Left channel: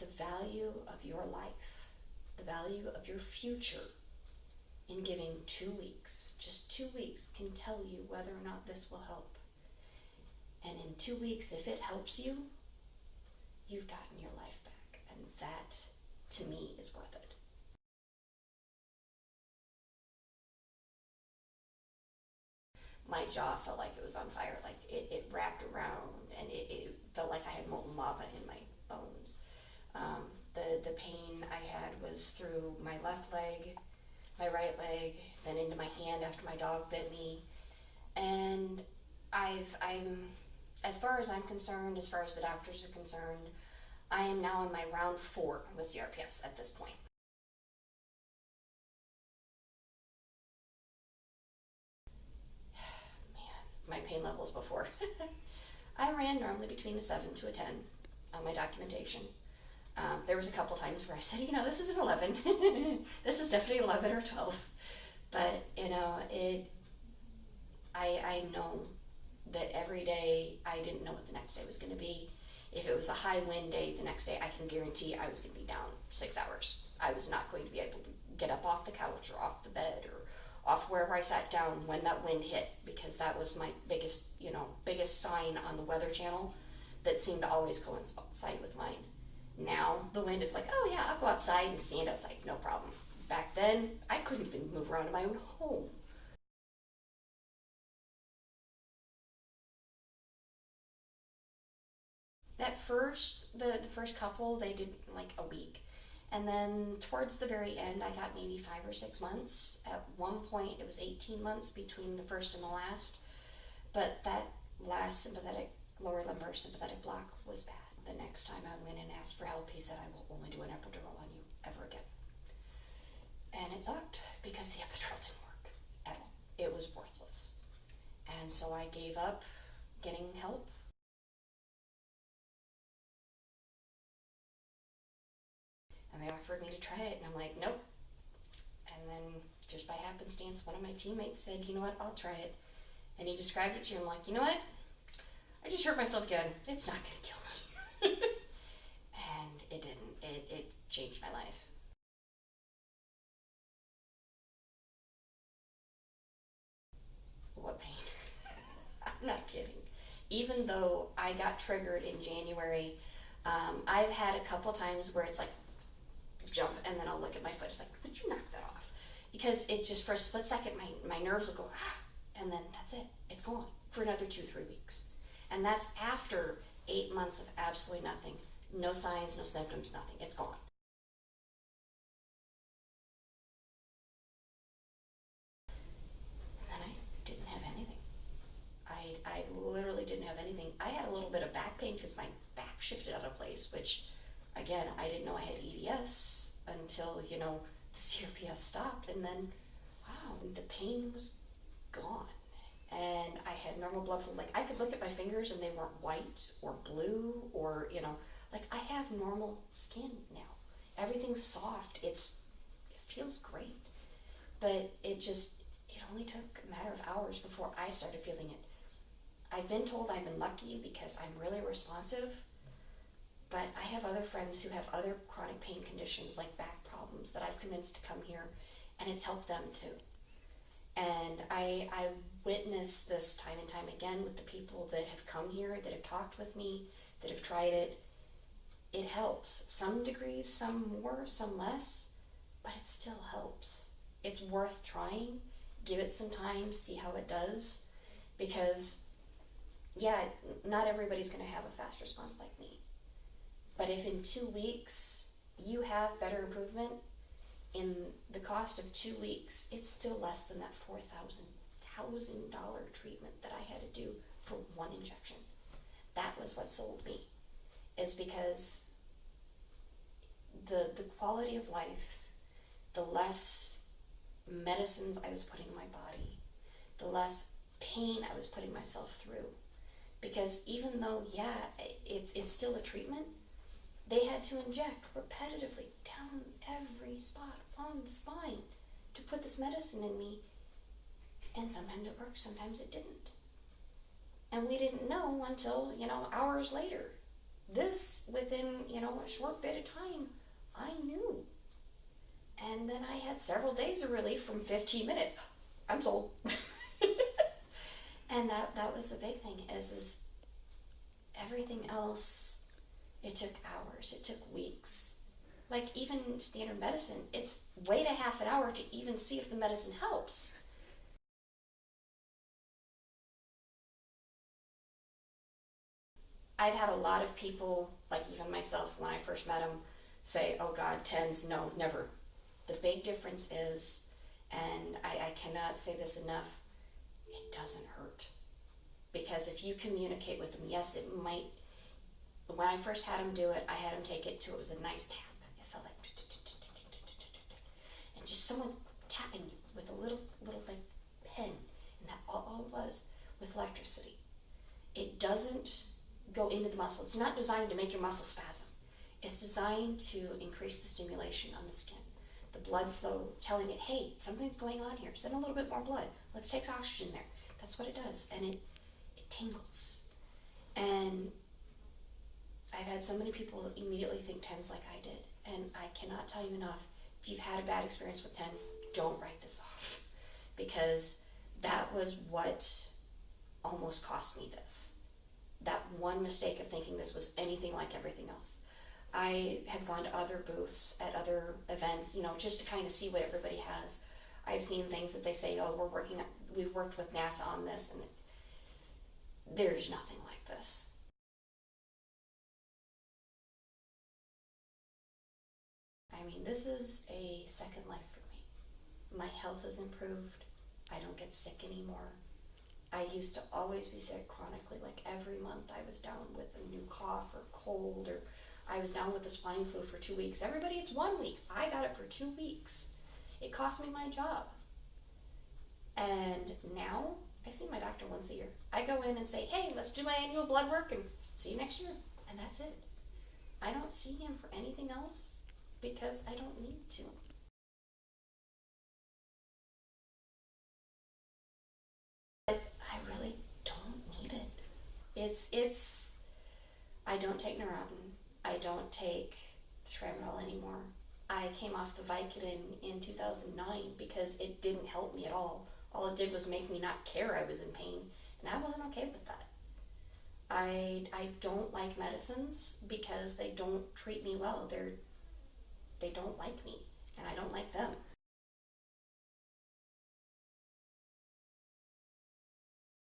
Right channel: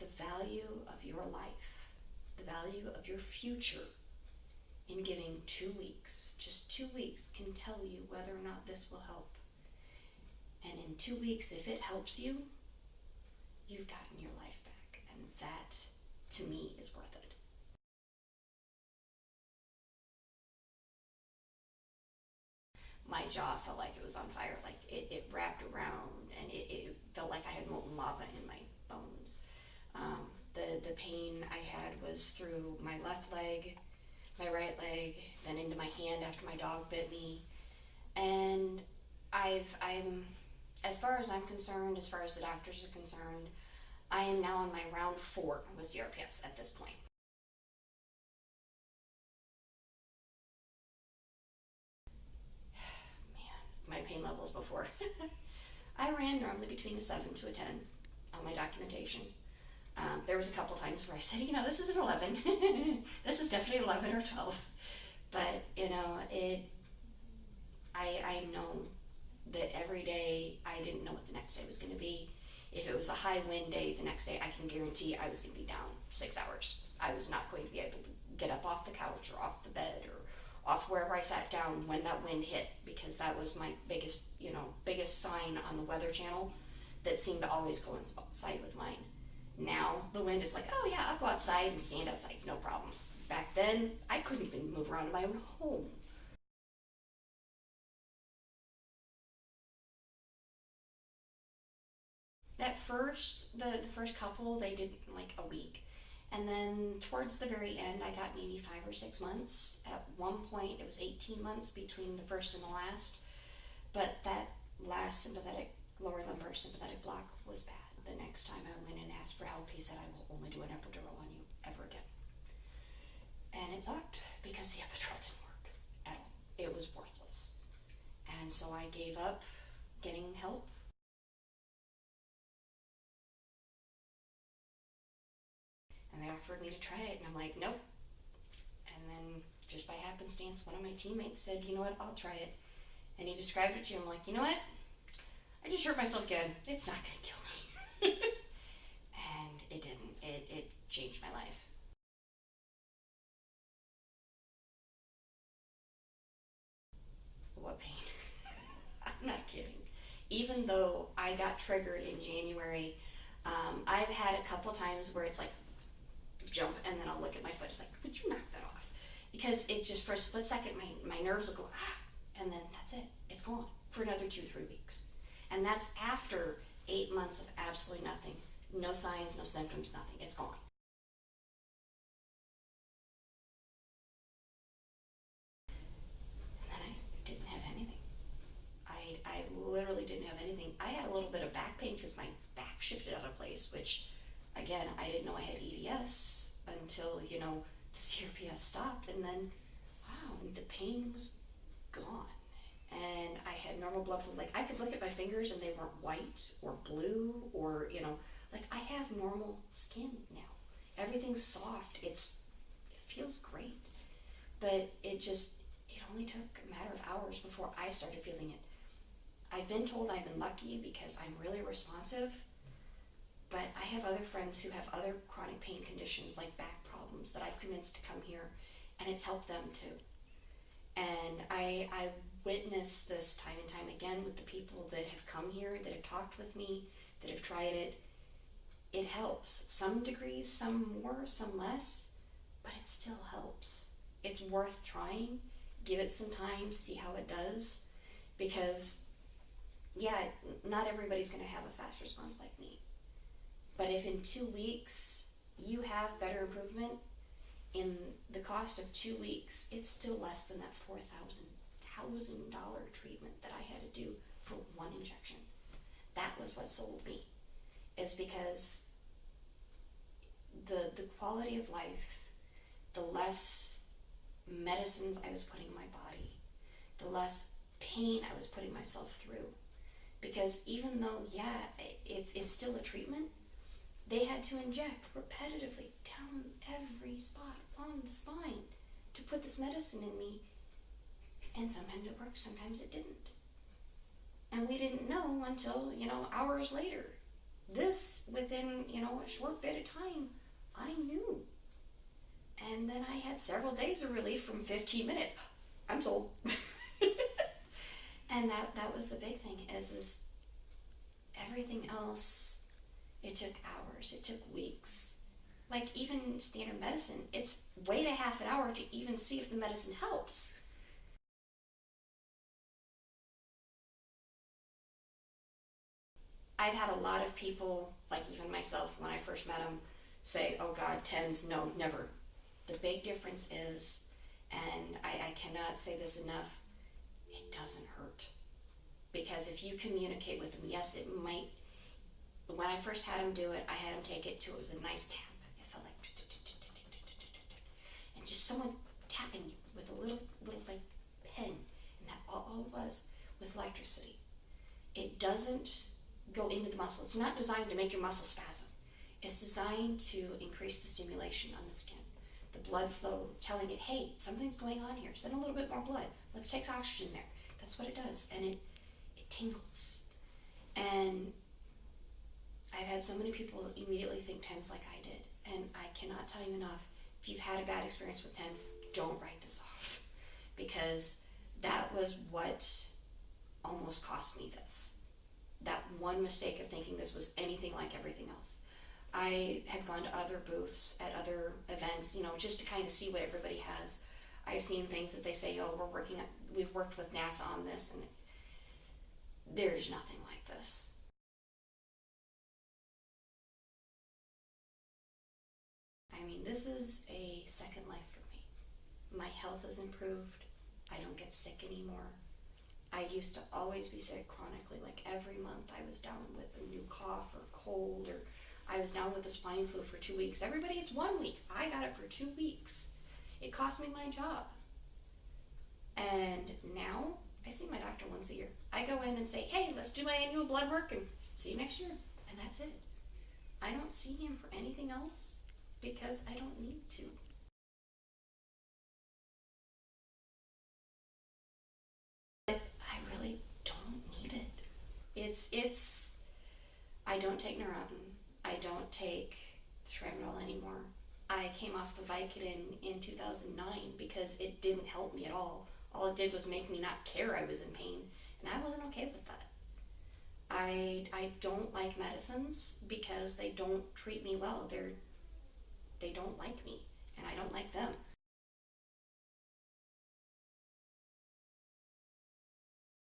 the value of your life, the value of your future in giving 2 weeks. Just 2 weeks can tell you whether or not this will help. And in 2 weeks, if it helps you, you've gotten your life back. And that, to me, is worth it. My jaw felt like it was on fire. Like it wrapped around, and it felt like I had molten lava in my bones. The pain I had was through my left leg, my right leg, then into my hand after my dog bit me. And I'm, as far as I'm concerned, as far as the doctors are concerned, I am now on my round 4 with CRPS at this point. My pain levels before. I ran normally between a 7 to a 10 on my documentation. There was a couple times where I said, this is an 11. This is definitely 11 or 12. But, I know that every day I didn't know what the next day was going to be. If it was a high wind day, the next day I can guarantee I was going to be down 6 hours. I was not going to be able to get up off the couch or off the bed or off wherever I sat down when that wind hit, because that was my biggest sign on the Weather Channel that seemed to always coincide with mine. Now the wind is like, oh yeah, I'll go outside and stand outside, no problem. Back then, I couldn't even move around in my own home. That the first couple, they did like a week. And then towards the very end, I got maybe 5 or 6 months. At one point, it was 18 months between the first and the last. But that last lower lumbar sympathetic block was bad. The next time I went and asked for help, he said, I will only do an epidural on you ever again. And it sucked because the epidural didn't work at all. It was worthless. And so I gave up getting help. And they offered me to try it, and I'm like, nope. And then, just by happenstance, one of my teammates said, you know what, I'll try it. And he described it to him like, you know what, I just hurt myself again. It's not going to kill me. And it didn't. It changed my life. What pain? I'm not kidding. Even though I got triggered in January, I've had a couple times where it's like, jump, and then I'll look at my foot. It's like, would you knock that off? Because it just, for a split second, my nerves will go, and then that's it. It's gone for another 2-3 weeks. And that's after 8 months of absolutely nothing. No signs, no symptoms, nothing. It's gone. And then I didn't have anything. I literally didn't have anything. I had a little bit of back pain because my back shifted out of place, which, again, I didn't know I had EDS until, the CRPS stopped, and then, wow, the pain was gone. And I had normal blood flow. Like, I could look at my fingers and they weren't white or blue or, like, I have normal skin now. Everything's soft. It feels great. But it only took a matter of hours before I started feeling it. I've been told I've been lucky because I'm really responsive. But I have other friends who have other chronic pain conditions like back problems that I've convinced to come here, and it's helped them too. And I witnessed this time and time again with the people that have come here, that have talked with me, that have tried it. It helps. Some degrees, some more, some less, but it still helps. It's worth trying. Give it some time, see how it does. Because, yeah, not everybody's going to have a fast response like me. But if in 2 weeks you have better improvement, in the cost of 2 weeks, it's still less than that $4,000 treatment that I had to do for one injection. That was what sold me, is because the quality of life, the less medicines I was putting in my body, the less pain I was putting myself through. Because even though, yeah, it's still a treatment, they had to inject repetitively down every spot on the spine to put this medicine in me. And sometimes it worked, sometimes it didn't. And we didn't know until, hours later This, within, a short bit of time, I knew. And then I had several days of relief from 15 minutes. I'm sold. And that was the big thing is everything else, it took hours, it took weeks. Like even standard medicine, it's wait a half an hour to even see if the medicine helps. I've had a lot of people, like even myself when I first met them, say, oh God, TENS, no, never. The big difference is, and I cannot say this enough, it doesn't hurt. Because if you communicate with them, yes, it might. When I first had them do it, I had them take it to, it was a nice tap. It felt like, and just someone tapping you with a little like pen, and that all it was with electricity. It doesn't go into the muscle. It's not designed to make your muscle spasm. It's designed to increase the stimulation on the skin. The blood flow telling it, hey, something's going on here. Send a little bit more blood. Let's take oxygen there. That's what it does. And it tingles. And I've had so many people immediately think TENS like I did. And I cannot tell you enough, if you've had a bad experience with TENS, don't write this off. Because that was what almost cost me this. That one mistake of thinking this was anything like everything else. I had gone to other booths at other events, just to kind of see what everybody has. I've seen things that they say, oh, we've worked with NASA on this, and there's nothing like this. I mean, this is a second life for me. My health has improved. I don't get sick anymore. I used to always be sick chronically, like every month I was down with a new cough or cold, or I was down with the swine flu for 2 weeks. Everybody, it's 1 week. I got it for 2 weeks. It cost me my job. And now I see my doctor once a year. I go in and say, hey, let's do my annual blood work and see you next year. And that's it. I don't see him for anything else because I don't need to. I really don't need it. I don't take Neurontin. I don't take Tramadol anymore. I came off the Vicodin in 2009 because it didn't help me at all. All it did was make me not care I was in pain, and I wasn't okay with that. I don't like medicines because they don't treat me well. They don't like me, and I don't like them.